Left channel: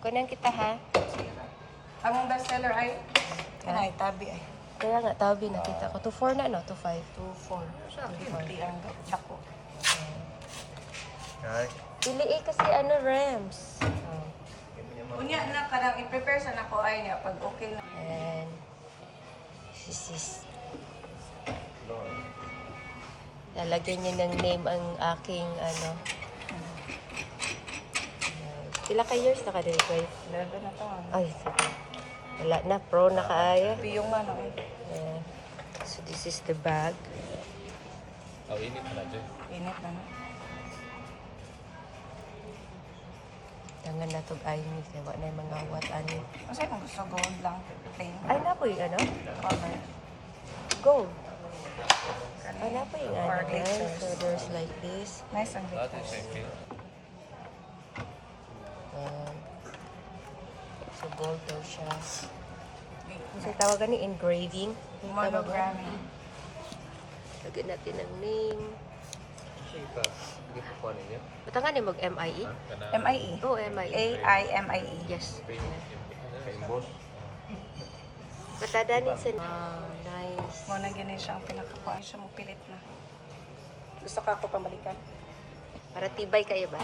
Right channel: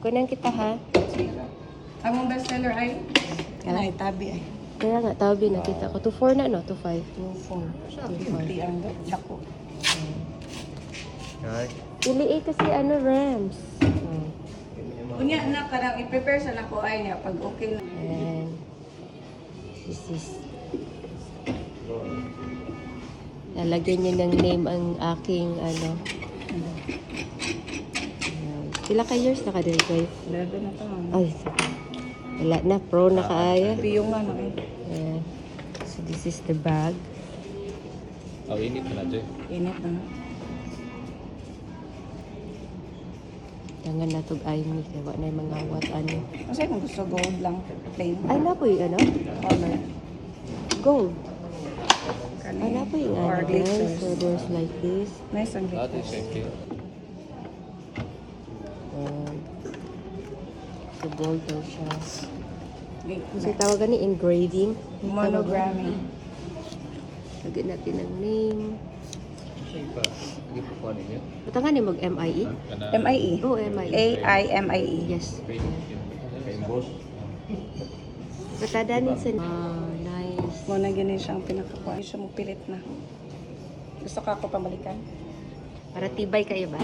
Kunan kita ha. Ang mong bestseller ay? Kanay, tabi ay. Kaya nga, tabi na kita ko. 2.4 na no? 2.5. 2.4. 2.50 ang dako. Ili kasi ano, Rams. Kunya na, karang i-prepare sa nako ay niya pag okay na. And this is lalagyan niya ng name ang aking ano. Pila ka years na ka-date guys? 11 na to. Ay, wala na. Pro na kaaya. Piyong ano eh. And, so this is the bag. Oh, init na dyan. Init na nga. Tangan na itong IME. Kaya wala na yung mga what ano. Kasi kung gusto gold lang, plain. Ay, na po yung ano? Color. Gold. Ay, na po yung Or ano guys. glitters. So there's like this. Nice ang Ah, glitters. okay. And, so gold daw siya. Glitters. So tawagan ni engraving. Monogramming. Lagyan natin ang name. Batangan na mag-MIE? M-I-E. Oh, MIE. A-I-M-I-E. Yes. Batadanin sa... nice. Mo na ganun siyang pinakakuha. Hindi siya mo pilit na. Gusto ka kapamalikan? Para tibay kayo ba?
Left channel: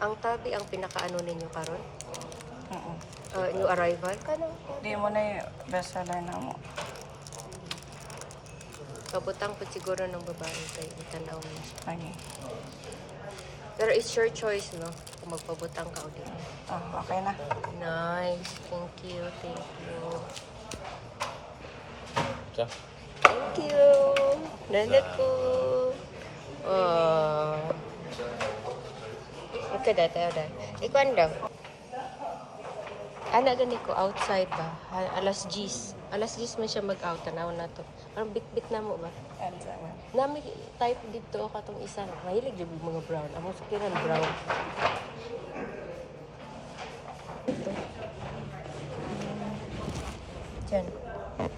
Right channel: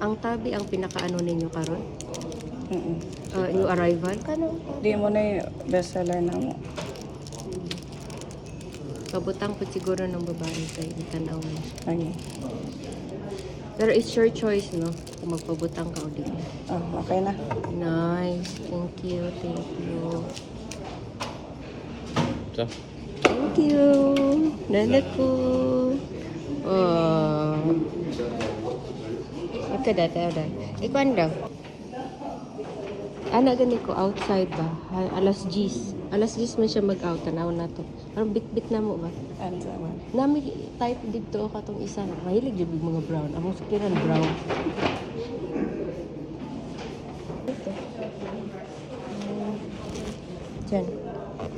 Ang tabi ang pinakaano ninyo karon? Oo. Yung arrival? Kano? Di mo na yung bestseller na mo. Pabutang po siguro ng babae sa itanawan. Okay. Pero it's your choice, no? Kung magpabutang ka ulit. Oh, okay na. Nice. Thank you. Thank you. So, Thank you. Nanak ko. Ito dati, ada. Ikuan daw. Ana gani ko outside ba? Ay, alas 10. Alas 10 man siya mag-out. Tanawon natin. Pero bit-bit na mo ba? Nga may type dito ako itong isa. Mahilig yung mga brown. Ang siguro na brown. Ito. Diyan.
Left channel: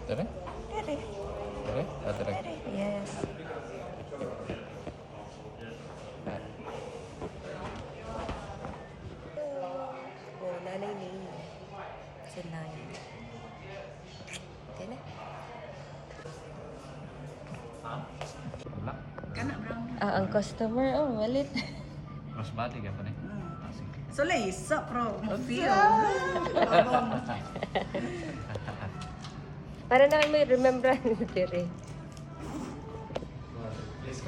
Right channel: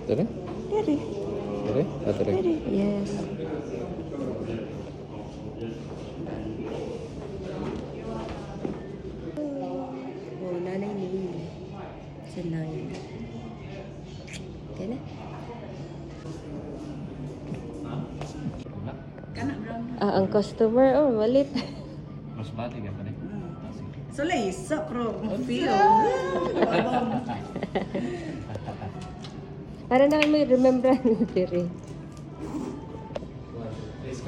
dali? Dili. Dali? Ah, dali. Yes. Oh, nanay ni. Sa 9. Okay na? Wala. Kana brown. Ang customer, oh, malit. Mas bati ka pa rin. Ah, sige. So, laysa, pro. Feel. Para na may remember ni Tiri.